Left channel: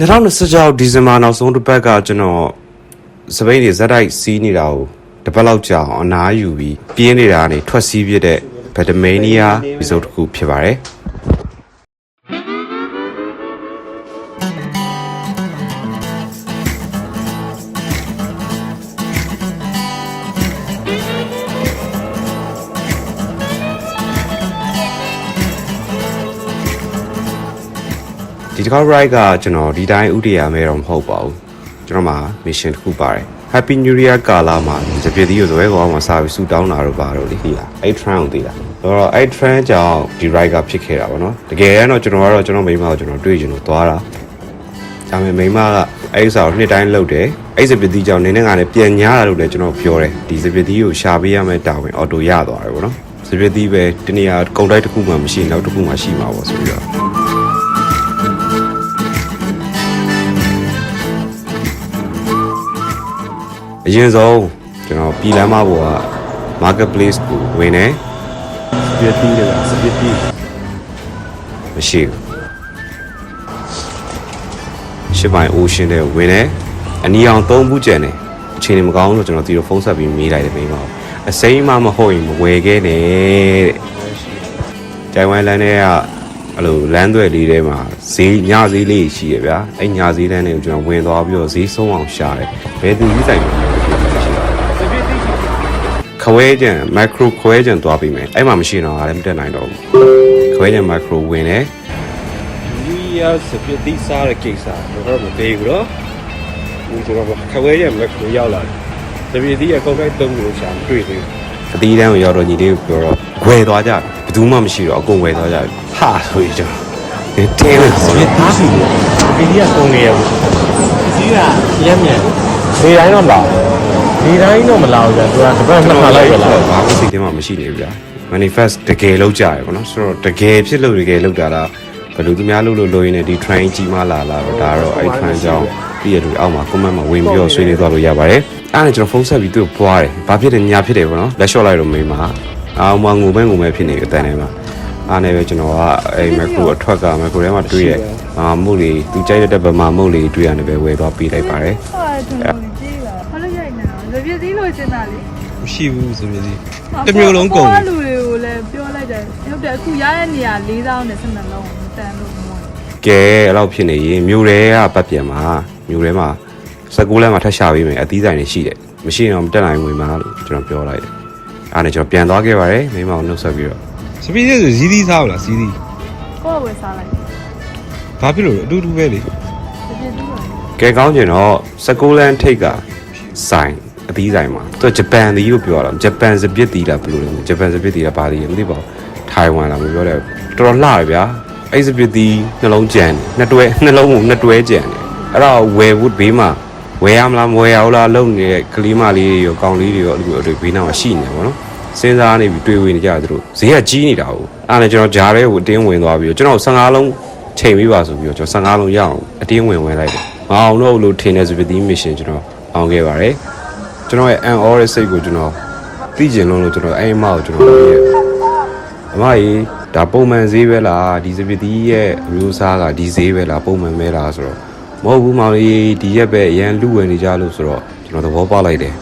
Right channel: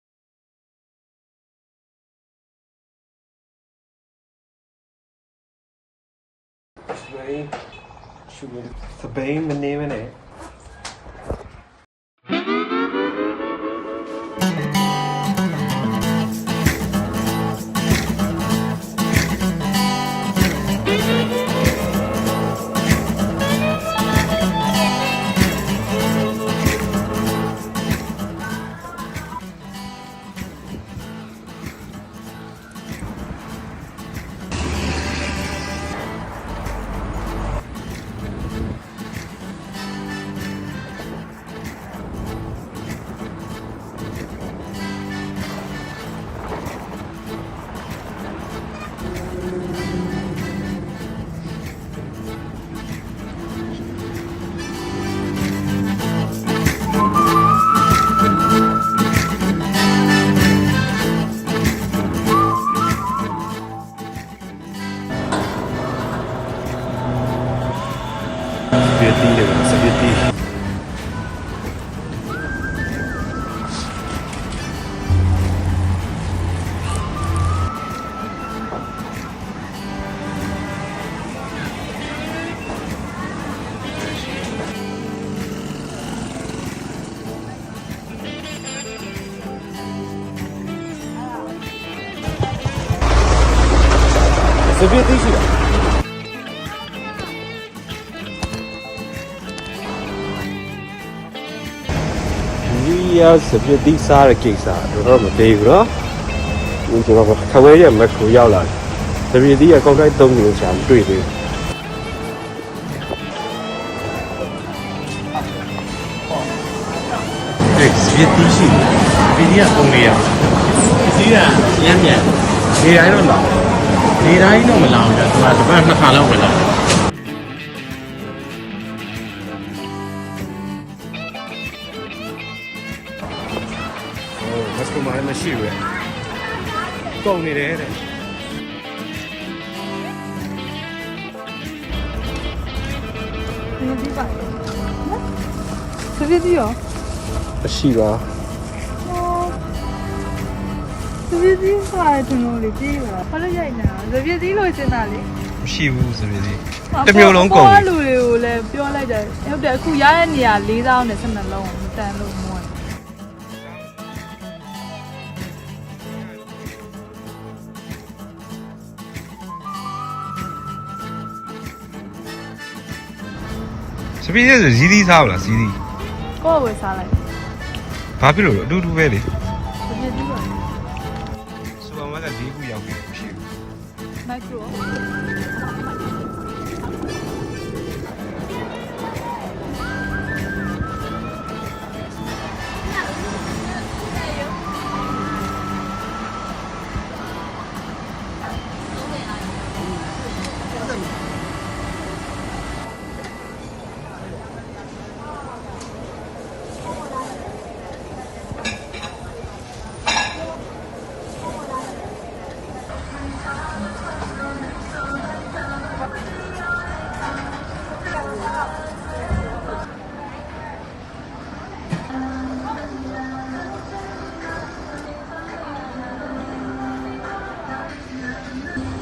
2026ဒီဇင်ဘာနောက်ဆုံးတစ်ပတ်ကကျွန်တော်စပိန်တွေဇက်တိုက်စီးနေတာကိုတစ်ပတ်လောက်ကြာအောင်အနားယူပြီးပြင်းနေတာကနေထွက်စီးပြတဲ့ဗက်ဒမေးနီးယားရီဇိုတစ်ခုဖြစ်ပါတယ်ဒီတစ်ခါ ride ကကျွန်တော်ဒီတိုင်းဥတည်ရမယ်တော့မဟုတ်ပါဘူးကျွန်တော်မှာ mission တစ်ခုပါတယ် Happy New Year ကာလာမှာတပြည့်တည်းရွယ်ကောင်းမှာစာပြီးဆူတောင်းတာတော့ပါတော့လေဒီလားအဲ့ trend ကိုသိတာဆိုတော့အဲ့ trend ကြောင့်ဒီ ride ကဖြစ်ခဲ့တာပေါ့နော်တကယ်တော့ကျွန်တော်မိန်းမကိုကျွန်တော်တွေ့ချင်လို့သွားတာဒါပေမဲ့မိန်းမကအဲ့ဥစ္စာကိုနှစ်တိုင်းလုပ်တယ်အဲ့စပစ်တီကြောင့်နေနဲ့ကလည်းပြန်ညားတာလို့လည်းကျွန်တော်ပြောတယ်ဒီစပစ်တီကိုရှာပေးရမယ့်တာဝန်အော်တိုရသွားတယ်ပေါ့နော်စပစ်တီပဲတနေရာကုန်တိုက်တစ်ခုမှမရှိနောက်တစ်ခုမှရှိမှာပေါ့ဆိုတော့အရင်ဆုံးကျွန်တော်ပြည်လမ်းမပေါ်က marketplace ကိုဝင်နေစပစ်တီတွေကစပစ်တီမရှိဘူးရှစ်ပိုင်း ocean တွေဝင်နေအနီအောင်သုံးဘူးကျန်နေအချိန်မကောင်းလို့ကျွန်တော်ဒီလိုဖုန်းဆက်ပြီးမေးလိုက်တယ်မိမအစိမ်းမမဟုတ်ရင်မဝယ်ခဲ့နဲ့တဲ့ကြိုင်ဝမ်လမ်းထဲကအဲ့လိုလမ်းသွဲလေးထဲမှာဈေးညဈေးလေးရှိရဗျာအဲ့ညဈေးလမ်းတွေကိုကျွန်တော်ဝင်သွားပြီးတော့ဈေးဆုံးအောင်ရှာတယ်ဘယ်သူကြီးတိုင်လဲစပစ်တီရှိလားခွဲကြံ micro ခွဲကြံသွားပြီးမယ်အဲ့မှာမရှိတော့လည်းမတက်နိုင်တော့ဘူးခွဲကြံ micro ဝင်တယ်ဒီရစပစ်တီစားတဲ့ကိစ္စတော့မသေးဘူးနော်ဒီဆိုတော့ခွဲကြံ micro ရောက်လာတယ်စပစ်တီကကောက်ကိုက်3ခုလုံးရှာမတွေ့သေးဘူးအတီးတန်းကိုရောက်တော့ညီလေးကိုပြောတော့ဝယ်သွားကြတယ်ဘယ်သူမှမရှိတော့အကုန်ဝယ်သွားကြတယ်ဟာဆိုကြတယ်တဲလေစပစ်တီရှိတယ်ဒီကပုံနေရတယ်ဒီကရဲမြန်နေတိုင်းတော့လာဒီတိုင်းတော့မလာဘူးကြာသူကတစ်ပတ်နှစ်ခါလောက်ပဲလာတယ်ဘာမှစိတ်ထဲမှာမရှိနေဘူးကြာ manifest တကယ်လောက်ကြရယ်ပေါ့နော်ဆိုတော့တကယ်ဖြစ်လို့တကယ်လောက်တာလားဘယ်လိုသူများလို့ရင်းနဲ့ဒီ train ကြီးမှလာတော့ဒါတော့အဲ့ train ကြောင့်ဒီရတူအောက်မှာ comment မှာဝင်ပြီးတော့ဆွေးနွေးသွားလို့ရပါတယ်အဲ့ဒါကျွန်တော်ဖုန်းဆက်ပြီးသူ့ကိုပွားတယ်ဘာဖြစ်တယ်များဖြစ်တယ်ပေါ့နော်လက်လျှော့လိုက်တော့မိမအောင်မငိုမဲဖြစ်နေတဲ့အတန်းထဲမှာအားနေပဲကျွန်တော်ကအဲ့မက်ကိုအထွက်ကမက်ကိုထဲမှာတွေ့ရမုတ်လေးသူကြိုက်တဲ့ဗမာမုတ်လေးတွေ့ရတယ်ပဲဝယ်သွားပေးလိုက်ပါတယ်ဟုတ်တယ်ကျွန်တော်လေးကြီးလာဘာလို့ရိုက်နေတာစပြည့်စည်းလို့ရှင်းတာလေမရှိဘူးဆိုပြီးတစ်မျိုးလုံးကုန်လူတွေကိုလည်းပြောလိုက်တယ်ဟုတ်တယ်အခုရတဲ့နေရာ၄000နဲ့12လုံးမတန်လို့မဝင်ကဲအဲ့လောက်ဖြစ်နေရင်မြို့ထဲကပတ်ပြန်မှာမြို့ထဲမှာ16လမ်းမှာထပ်ရှာပေးမယ်အသီးဆိုင်တွေရှိတယ်မရှိရင်တော့မတက်နိုင်ဝင်မှာလို့ကျွန်တော်ပြောလိုက်တယ်အားနဲ့ကျွန်တော်ပြန်သွားခဲ့ပါတယ်မိမအောင်နှုတ်ဆက်ပြီးတော့စပီးဆိုဇီးသီးစားလားဇီးသီးကိုယ်ဝယ်စားလိုက်ဘာဖြစ်လို့အတူတူပဲလေစပြည့်စည်းပါကဲကောင်းကျင်တော့16လမ်းထိတ်ကဆိုင်အသီးဆိုင်မှာသူဂျပန်သီးကိုပြောတာဂျပန်စပစ်သီးလားဘယ်လိုဂျပန်စပစ်သီးကပါသီးမသိပါဘူးထိုင်ဝမ်လားမပြောတယ်တော်တော်လှရဗျာအဲ့စပစ်သီးနှလုံးကြံနှစ်လုံးကိုနှစ်တွဲကြံအဲ့တော့ဝယ်ဖို့ဘေးမှာဝယ်ရမလားမဝယ်ရဘူးလားလုံနေတဲ့ကလေးမလေးတွေရောကောင်လေးတွေရောအဲ့လိုဘေးနားမှာရှိနေတယ်ပေါ့နော်စဉ်းစားနေပြီးတွေ့ဝေနေကြတယ်သူတို့ဈေးကကြီးနေတာဟုတ်အဲ့ဒါကျွန်တော်ဂျားရဲကိုအတင်းဝင်သွားပြီးတော့ကျွန်တော်15လုံးချိန်ပေးပါဆိုပြီးတော့ကျွန်တော်15လုံးရအောင်အတင်းဝင်လိုက်တယ်မအောင်တော့လို့ထင်နေစပစ်သီးမရှင်ကျွန်တော်အောင်ခဲ့ပါတယ်ကျွန်တော်ရဲ့ an all ရဲ့စိတ်ကိုကျွန်တော်သိကျင်လို့ကျွန်တော်အဲ့အမကိုကျွန်တော်ပြောရဲ့အမကြီးဒါပုံမှန်ဈေးပဲလားဒီစပစ်သီးရဲ့မျိုးစားကဒီဈေးပဲလားပုံမှန်ပဲလားဆိုတော့မဟုတ်ဘူးမောင်ကြီးဒီရက်ပဲအရန်လူဝင်နေကြလို့ဆိုတော့ကျွန်တော်သဘောပေါက်လိုက်တယ်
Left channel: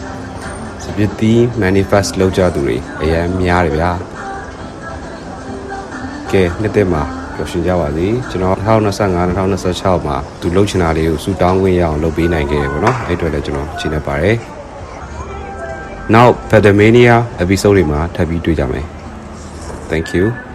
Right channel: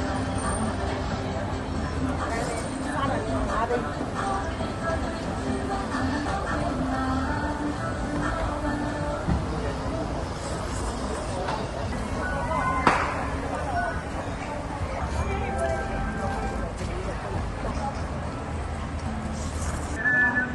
စပစ်သီး manifest လောက်ကြသူတွေအရန်များတယ်ဗျာကဲနှစ်သက်မှာပျော်ရွှင်ကြပါစေကျွန်တော်2025 2026မှာသူလှုပ်ချင်တာလေးကိုစူတောင်းခွင့်ရအောင်လုပ်ပေးနိုင်ခဲ့တယ်ပေါ့နော်အဲ့အတွက်လည်းကျွန်တော်ရှင်းနေပါတယ်နောက် Pedamania episode တွေမှာထပ်ပြီးတွေ့ကြမယ် Thank you